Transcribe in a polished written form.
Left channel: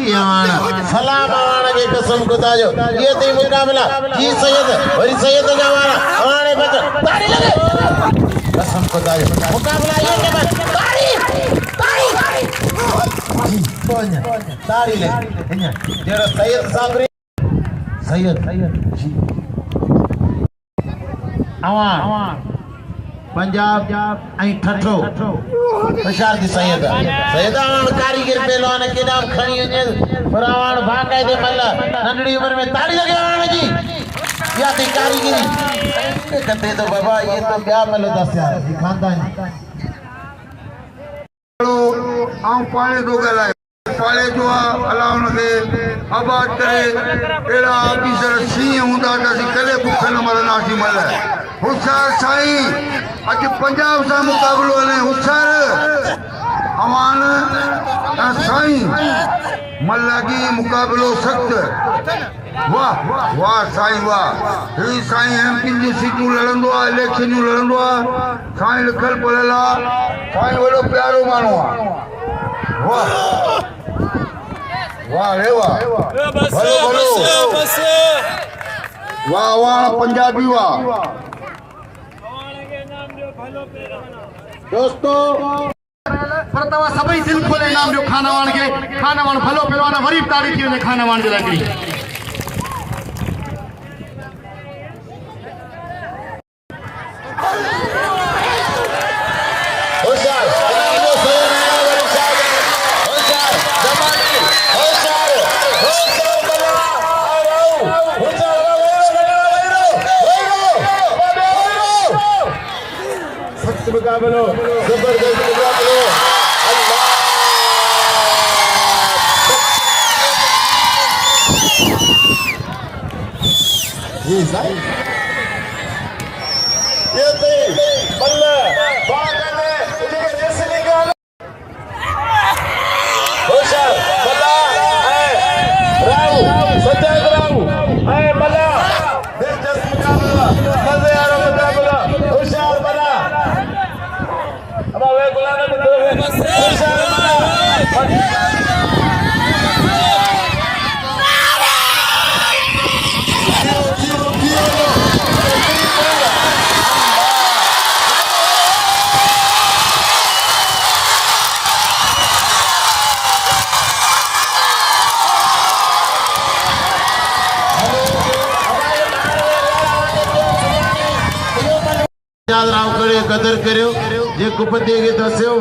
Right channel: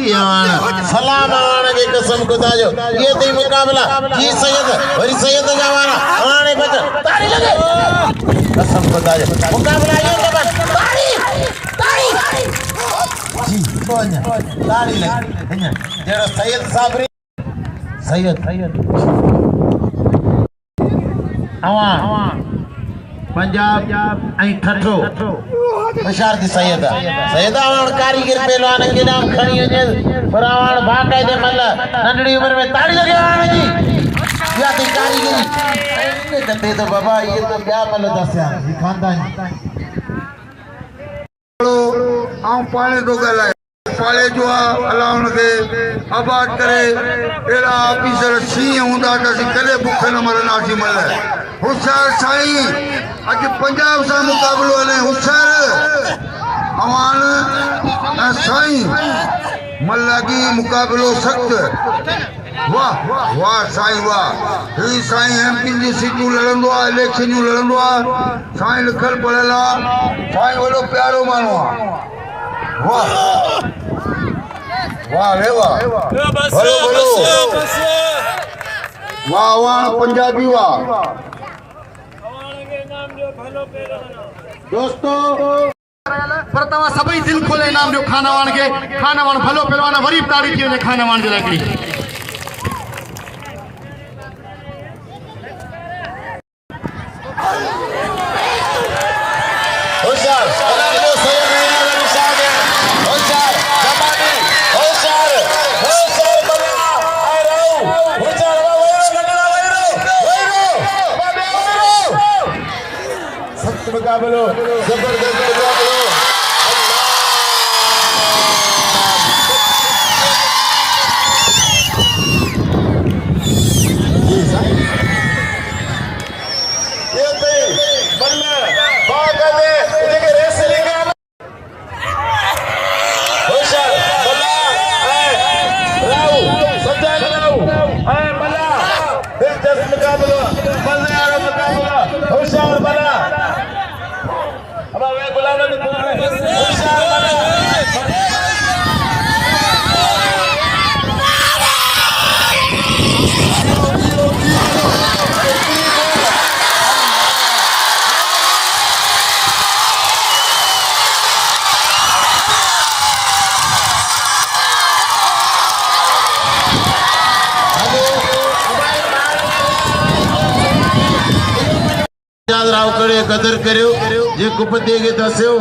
सलाम आवाने के कसम खुदा जो ये थी मुकाबला जी सैयद वरी सैयद जवाना आवाने बच ताड़ी लगे कसम खुदा जो मुकाबला ये के बस ताड़ी जी बोलना ताड़ी लगे जेड़ा सैयद साबरी सैयद आवान पंजाब आई ठठो होशियार जी सैयद आवान कारीगर पहलवान के नाम खणी वजे पर आवान भागाई दे मल नंढड़ी उम्र में ताड़ी लगे आवान जी या थी कारीगरी कंदे तो बाबा ये तो क्या मल दसया जी खानदान आऊं पाले दो गलाए पाले जो अल्लाह उनके आबाद करे एड़ा ऑफिसर सी हुंदा त सी कदे भुख न मरना सी मल होशियार साईं अज पंजाब सा मुकाबलो ने होशियार अमान साईं मल्लागी मुकाबलो सख्त वाह वाह साईं वाह ही साईं एमपी जी सीटू लड़ंदो आ इलेक्शन लड़ंदो आ साईं लिखल पढ़ल आ साईं वडो प्यारो मानो आ वाह वाह रे वाह वाह वाह पंजाबी वाह दोस्तों पर तवा सभई दिल खोले नाम जो खानावान के खानावान भलो पहलवान वरी तारीफ के खानावान जो लकड़ी मुकाबलो जबरदस्त मुकाबलो अल्लाह जी साहब ये तो बल्ला बागा में इधर रेसलिंग है होशियार बल्ला राव सत्याग राव है बल्ला दिलचस्प मुकाबला मजे वाला मुकाबला होशियार बल्ला अब वे बुलाने तो दो हैं होशियार बना कदर करो जे कुपति के दस्यो